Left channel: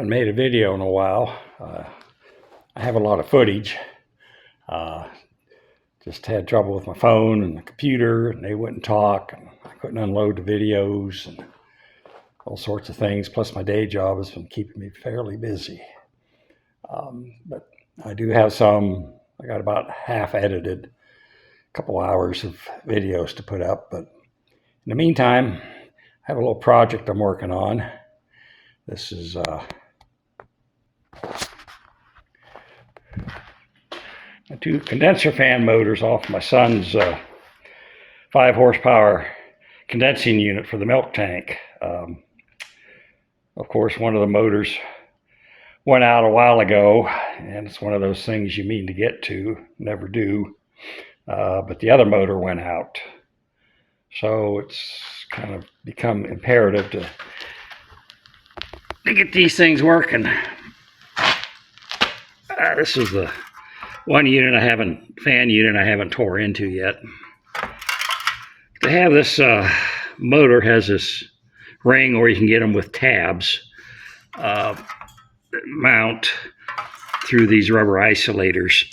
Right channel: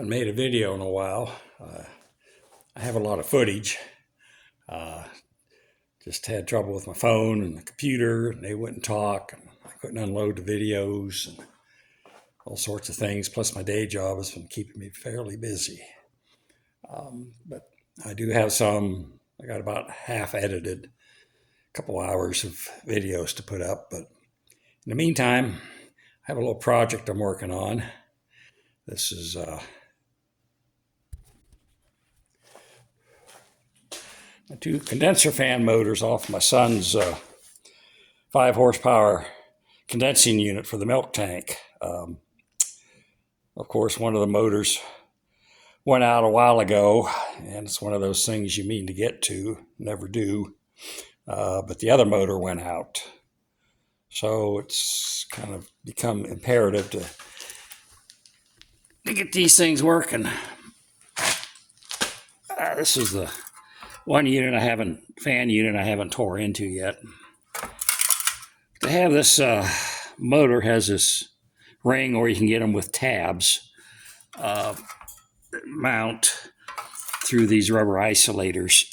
haven't made a video in a while. I have a lot of footage. Just had trouble with my phone and the computer, and they wouldn't talk. And I couldn't unload the videos and all sorts of things. Plus, my day job has been keeping me fairly busy. But I do have some. I got about half edited, a couple hours of videos to put up. But in the meantime, I have a little project I'm working on. This is my two condenser fan motors off my son's 5 horsepower condensing unit for the milk tank. Of course, one of the motors went out a while ago, and it's one of those things you mean to get to, never do. But the other motor went out. So it's kind of become imperative to get these things working. This is the one fan unit I haven't tore into yet. To have this motor has this ring where you can get them with tabs that mount through these rubber isolators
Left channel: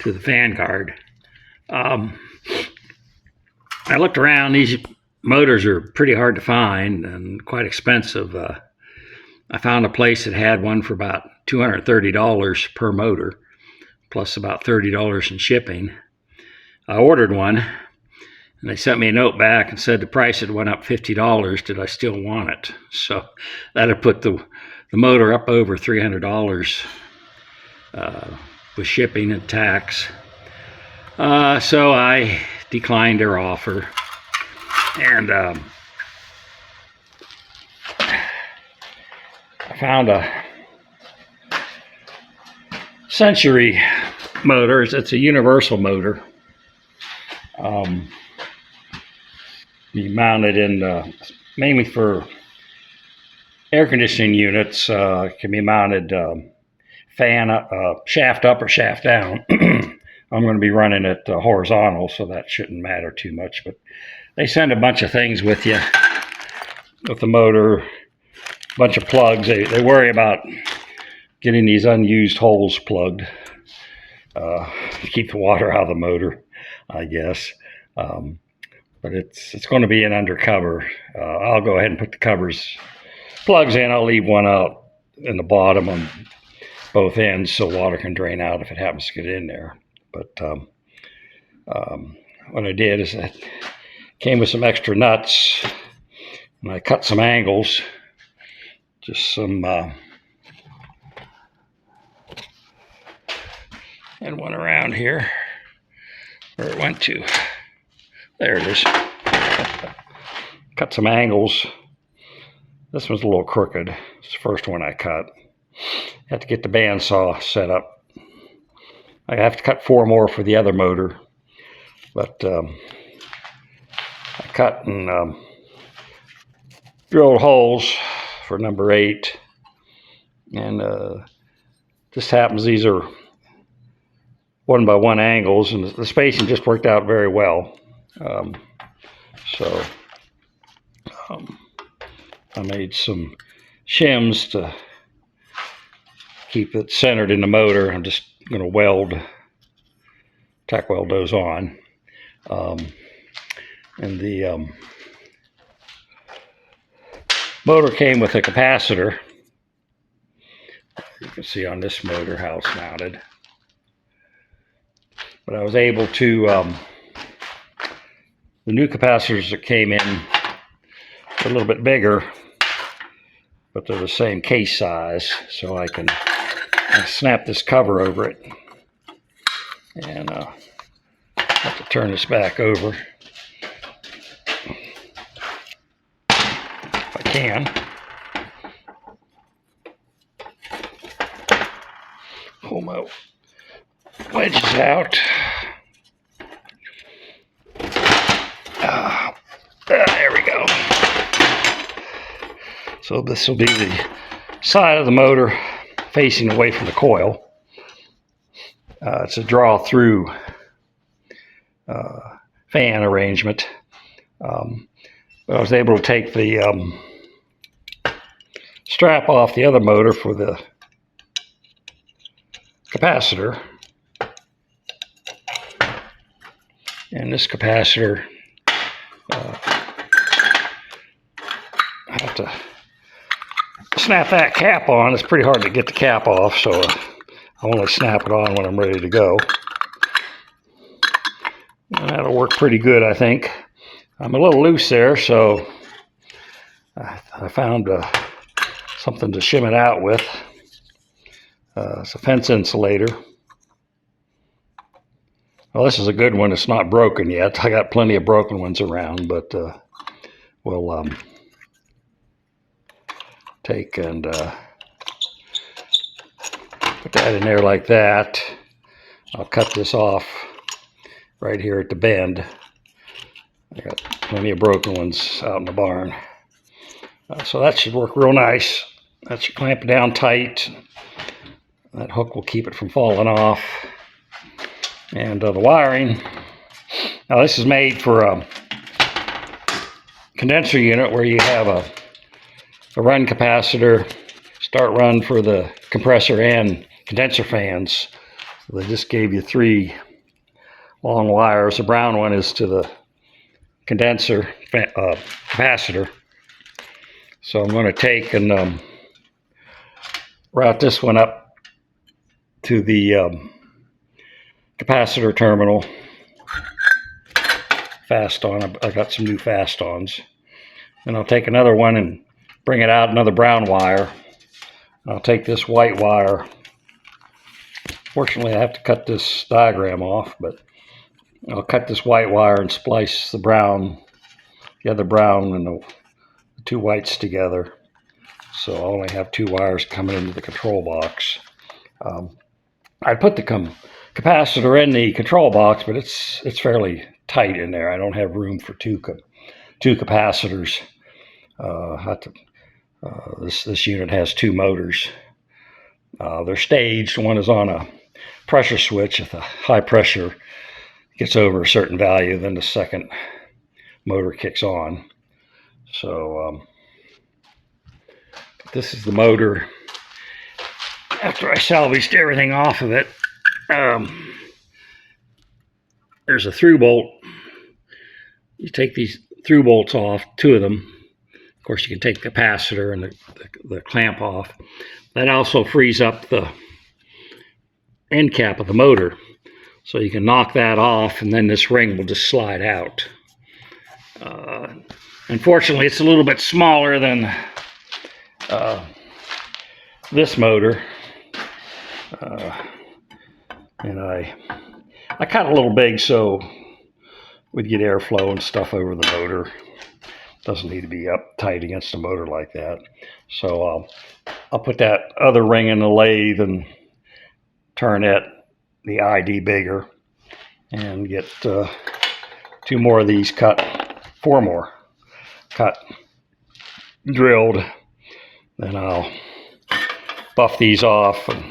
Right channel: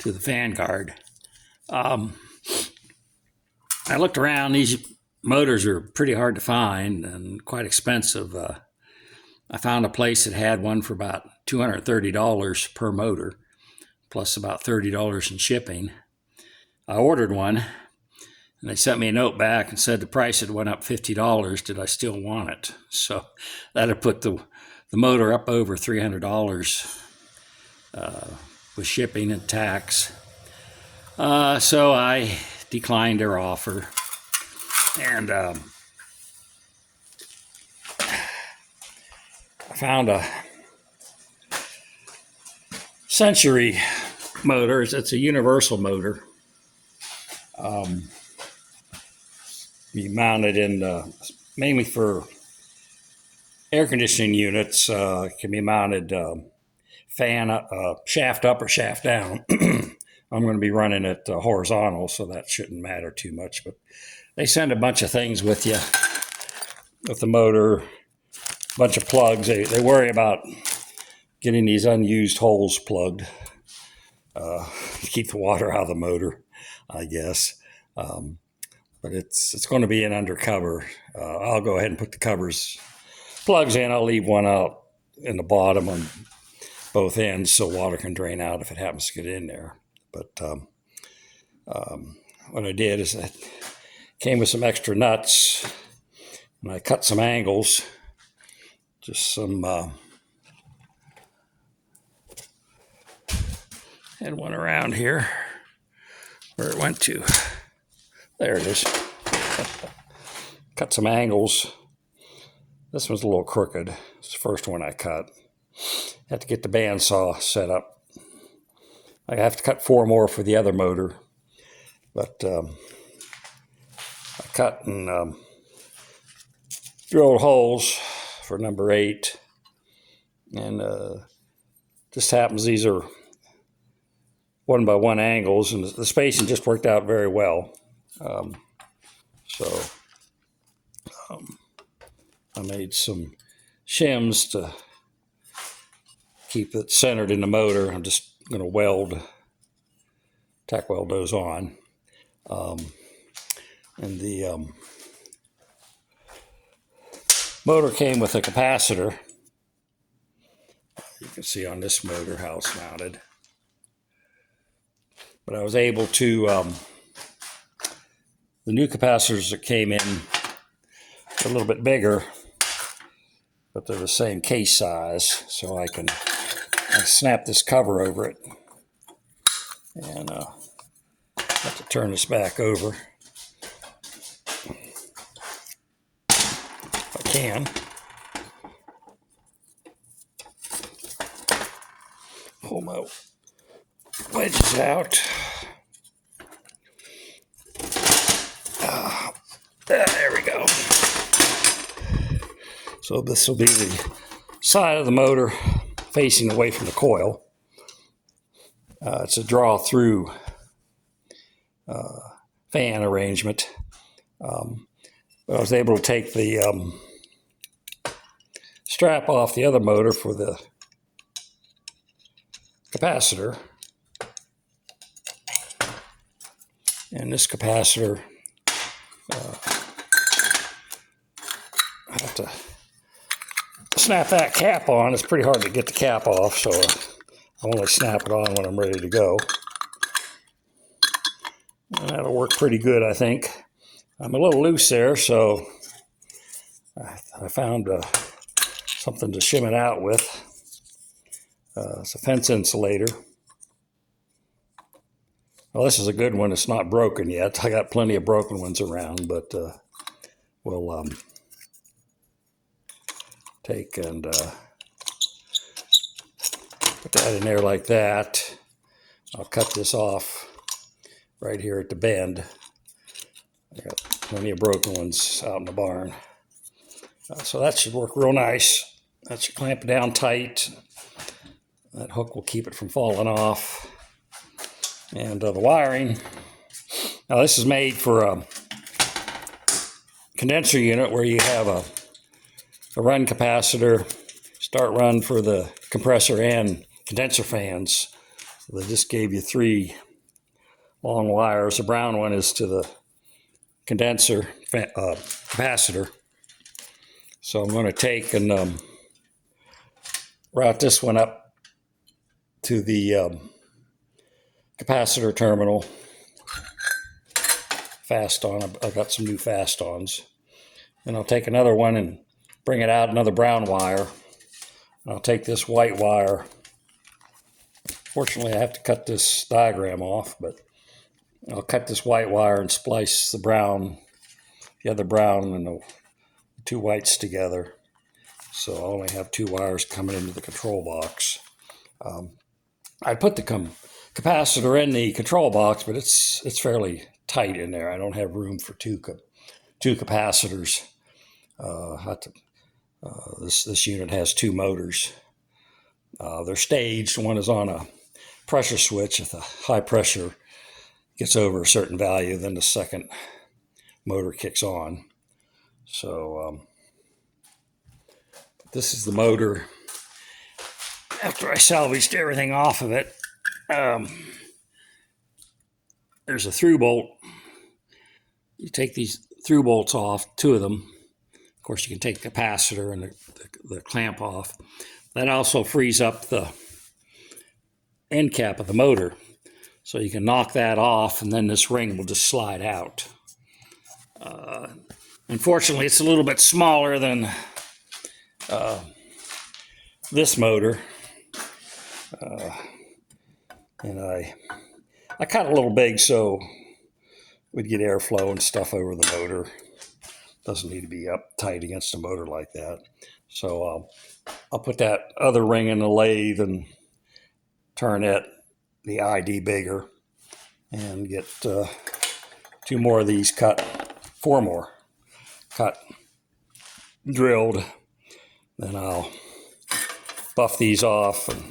to the fan guard. I looked around. These motors are pretty hard to find and quite expensive. I found a place that had one for about $230 per motor, plus about $30 in shipping. I ordered one, and they sent me a note back and said the price had went up $50. Did I still want it? So that had put the motor up over $300 with shipping and tax. So I declined their offer, and I found a Century motor. It's a universal motor. You mount it in mainly for air conditioning units. It can be mounted fan shaft up or shaft down. I'm going to be running it horizontal, so that shouldn't matter too much. But they send a bunch of things with you with the motor, a bunch of plugs. They worry about getting these unused holes plugged to keep the water out of the motor, I guess. But it's going to be an undercover. I'll go ahead and put the plugs in. I'll leave one out in the bottom on both ends so water can drain out if it happens to get in there. But what I did is I came with some extra nuts, and I cut some angles, just some, and one around here where it went to. There it is. Cut some angles. This one's a little crooked. It's the first one I cut. Have to get the bandsaw set up. I have to cut 4 more for the other motor, but I cut and drilled holes for number 8, and just happens these are 1x1 angles, and the spacing just worked out very well. So I made some shims to keep it centered in the motor. I'm just going to tack weld those on. And the motor came with a capacitor. You can see on this motor how it's mounted. But I was able to, the new capacitors that came in are a little bit bigger, but they're the same case size, so I can snap this cover over it. And I have to turn this back over if I can. Pull my wedges out. There we go. So this will be the side of the motor facing away from the coil. It's a draw-through fan arrangement. But I was able to take the strap off the other motor for the capacitor. And this capacitor, I have to snap that cap on. It's pretty hard to get the cap off, so I only snap it on when I'm ready to go. And that'll work pretty good, I think. I'm a little loose there, so I found something to shim it out with. It's a fence insulator. Well, this is a good one. It's not broken yet. I got plenty of broken ones around, but we'll take and put that in there like that. I'll cut this off right here at the bend. I got plenty of broken ones out in the barn. So that should work real nice. That should clamp it down tight. That hook will keep it from falling off. And the wiring. Now this is made for a condenser unit where you have a run capacitor, start run for the compressor and condenser fans. So they just gave you 3 long wires. The brown one is to the condenser capacitor. So I'm going to take and route this one up to the capacitor terminal. Fast on. I got some new fast ons. Then I'll take another one and bring it out, another brown wire. I'll take this white wire. Fortunately, I have to cut this diagram off, but I'll cut this white wire and splice the other brown and the 2 whites together. So I only have 2 wires coming into the control box. I put the capacitor in the control box, but it's fairly tight in there. I don't have room for two capacitors. This unit has 2 motors. They're staged. One is on a pressure switch. If the high pressure gets over a certain value, then the second motor kicks on. So this is the motor. After I salvaged everything off of it, there's a through bolt. You take these through bolts off, 2 of them. Of course, you can take the capacitor and the clamp off. That also frees up the end cap of the motor. So you can knock that off, and then this ring will just slide out. Unfortunately, it's a little bit smaller than this motor. And I cut it a little big so we'd get airflow and stuff over the motor. Doesn't need to be up tight against a motor like that. So I'll put that other ring in the lathe and turn the ID bigger and get 2 more of these cut, 4 more cut, drilled. Then I'll buff these off and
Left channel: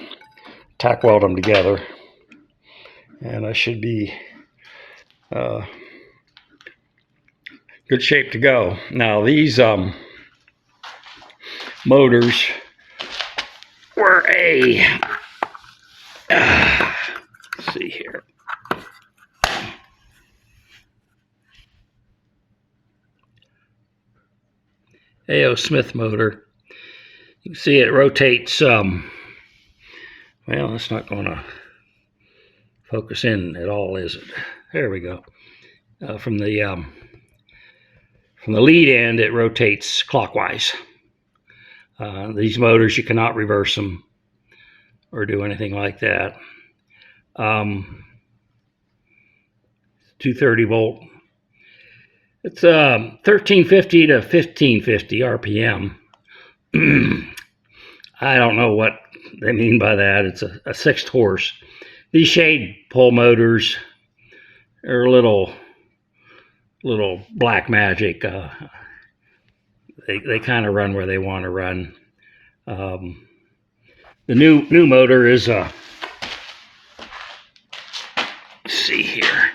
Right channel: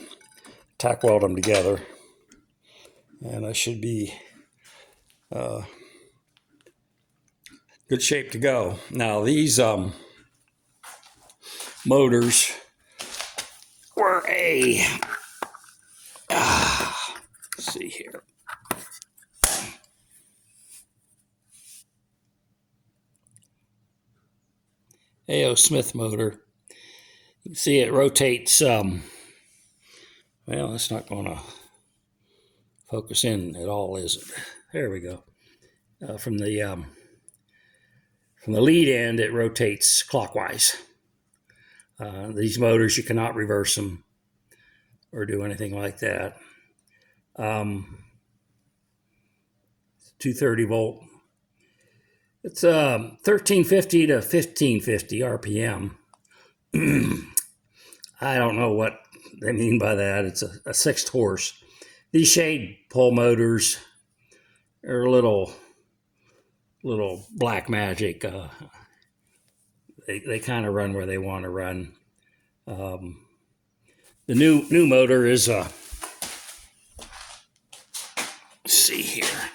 tack weld them together, and I should be good shape to go. Now these motors were let's see here. A.O. Smith motor. You can see it rotates. Well, that's not going to focus in at all, is it? There we go. From the lead end, it rotates clockwise. These motors, you cannot reverse them or do anything like that. 230 volt. It's 1350 to 1550 RPM. I don't know what they mean by that. It's a 6th horse. These shade pull motors are a little black magic. They kind of run where they want to run. The new motor is let's see here.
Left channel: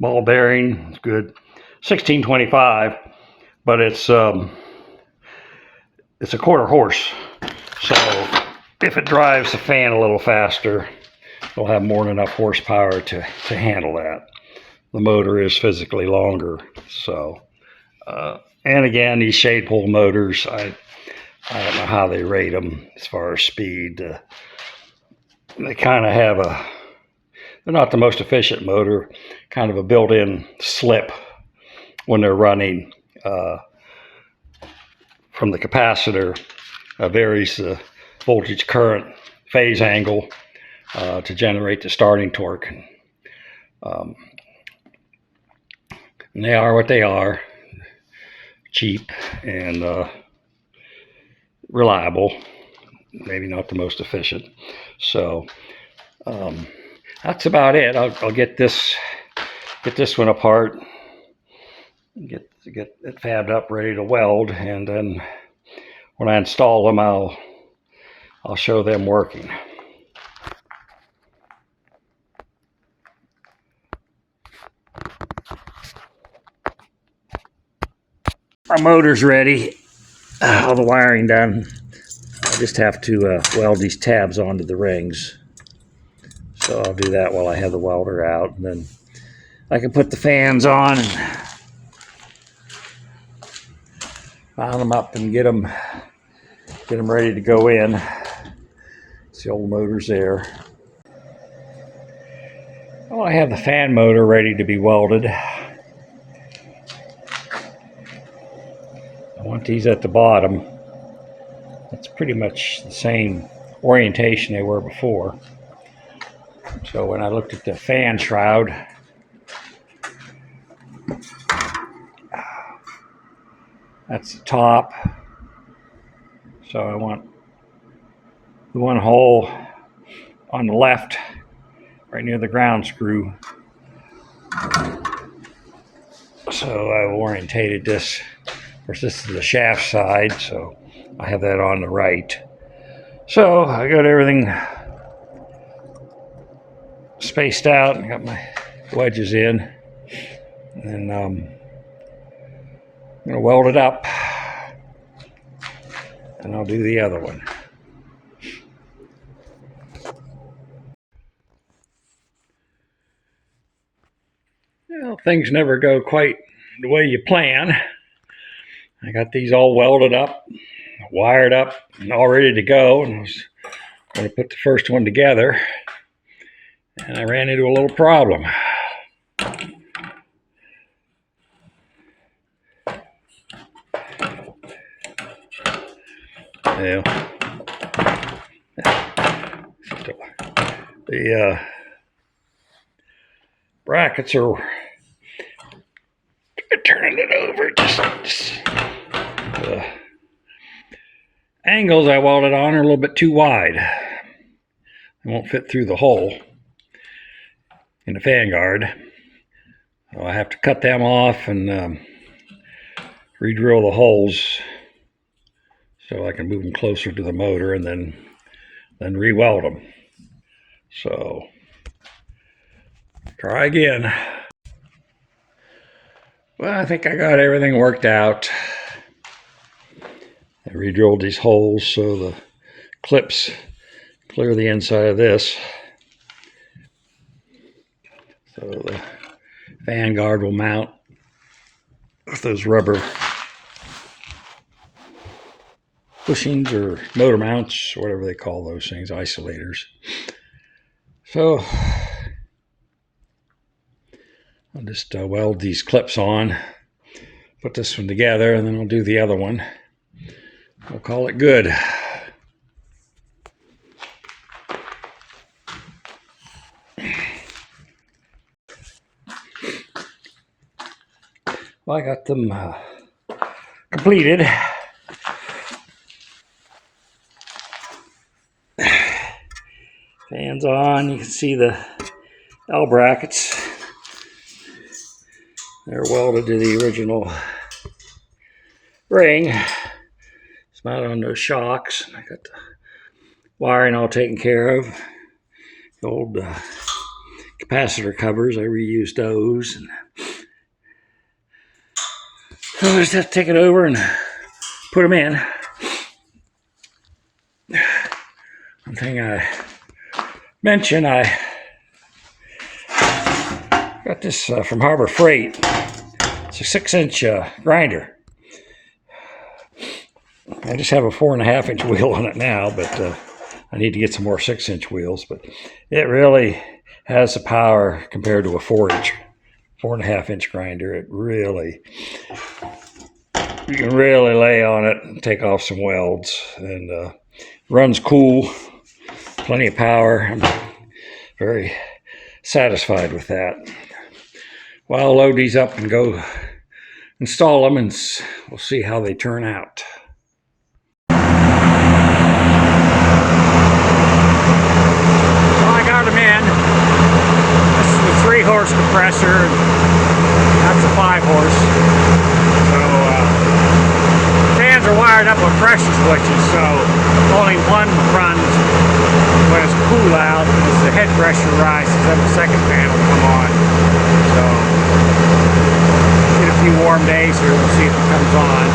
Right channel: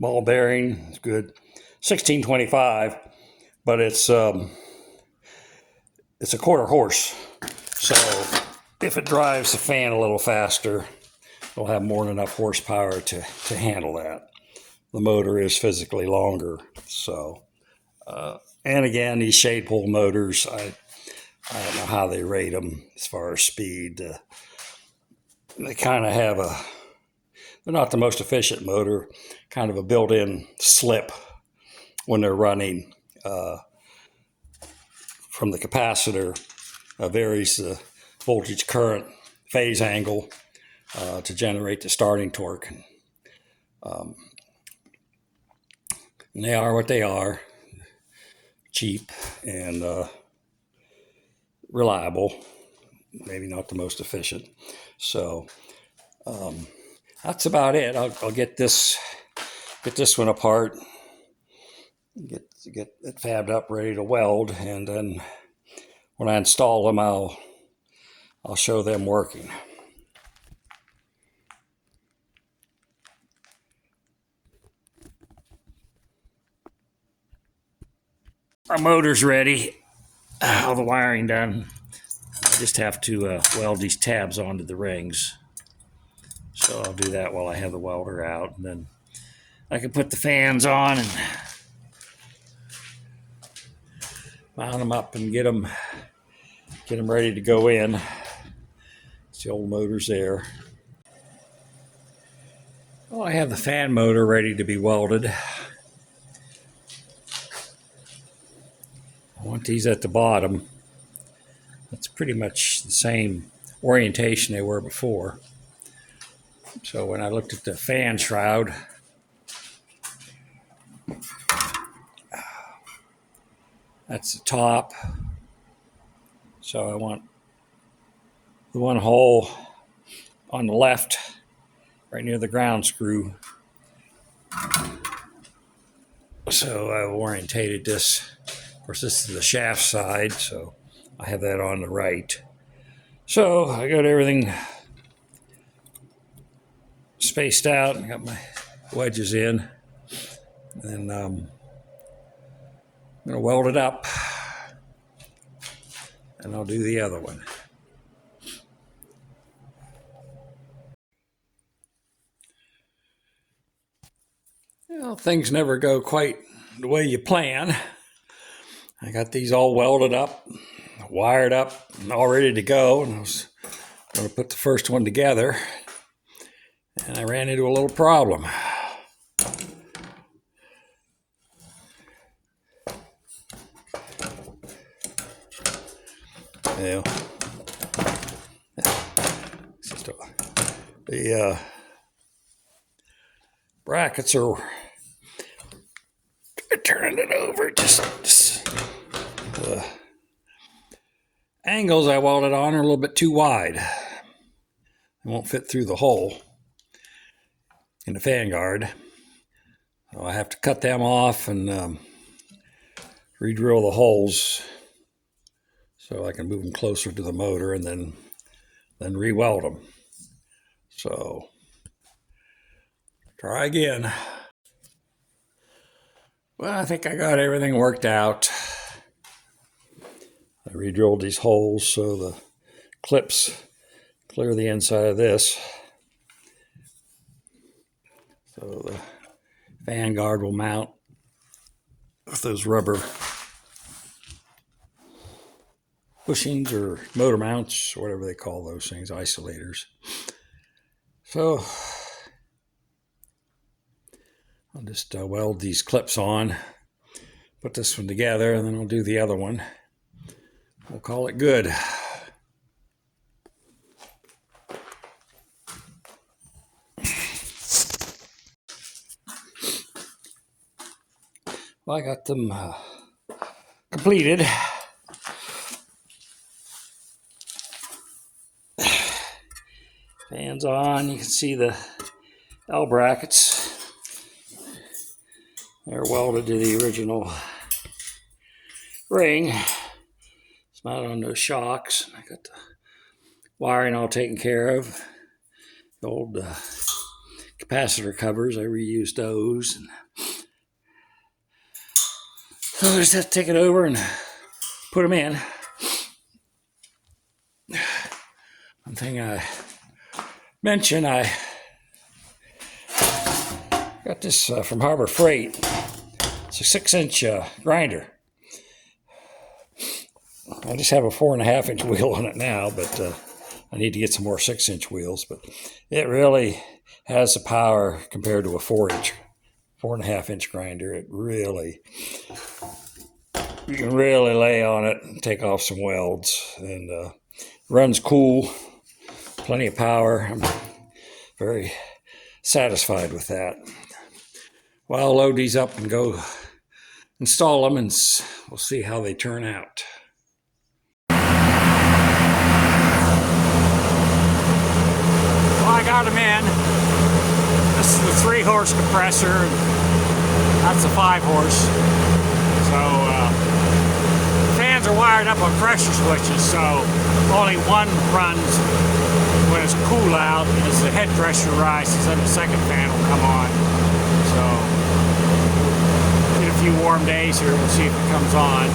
Ball bearing, it's good. 1625, but it's a quarter horse. So if it drives the fan a little faster, it'll have more than enough horsepower to handle that. The motor is physically longer. So, and again, these shade pole motors, I don't know how they rate them as far as speed. They kind of have they're not the most efficient motor, kind of a built-in slip when they're running from the capacitor. Varies the voltage, current, phase angle to generate the starting torque. And they are what they are, cheap and reliable, maybe not the most efficient. So that's about it. I'll get this one apart, get it fabbed up, ready to weld, and then when I install them, I'll show them working. Our motor's ready, all the wiring done. I just have to weld these tabs onto the rings. So I'll do that while I have the welder out, and then I can put the fans on and mount them up and get them ready to go in. See, old motor's there. Well, I have the fan motor ready to be welded. I want these at the bottom. It's pretty much the same orientation they were before. So when I looked at the fan shroud, that's the top. So I want the one hole on the left, right near the ground screw. So I orientated this. Of course, this is the shaft side, so I have that on the right. So I got everything spaced out. I got my wedges in, and I'm going to weld it up, and I'll do the other one. Well, things never go quite the way you plan. I got these all welded up, wired up, and all ready to go, and I was going to put the first one together, and I ran into a little problem. Yeah. The brackets are turning it over. Just angles I welded on are a little bit too wide. They won't fit through the hole in the fan guard. So I have to cut them off and re-drill the holes so I can move them closer to the motor and then re-weld them. So try again. Well, I think I got everything worked out. I re-drilled these holes so the clips clear the inside of this. So the fan guard will mount with those rubber bushings or motor mounts, or whatever they call those things, isolators. So I'll just weld these clips on, put this one together, and then I'll do the other one. We'll call it good. Well, I got them completed. Fans on. You can see the L brackets. They're welded to the original ring. It's mounted on those shocks. I got the wiring all taken care of. The old capacitor covers. I reused those. And so I just have to take it over and put them in. One thing I mentioned, I got this from Harbor Freight. It's a 6-inch grinder. I just have a 4.5-inch wheel on it now, but I need to get some more 6-inch wheels. But it really has the power compared to a 4.5-inch grinder. It really, you can really lay on it and take off some welds, and runs cool, plenty of power. I'm very satisfied with that. Well, I'll load these up and go install them, and we'll see how they turn out. Well, I got them in. This is the 3-horse compressor. That's the 5-horse. So fans are wired up with pressure switches, so only one runs when it's cool out. As the head pressure rises, then the second fan will come on. So get a few warm days here, we'll see if it comes on.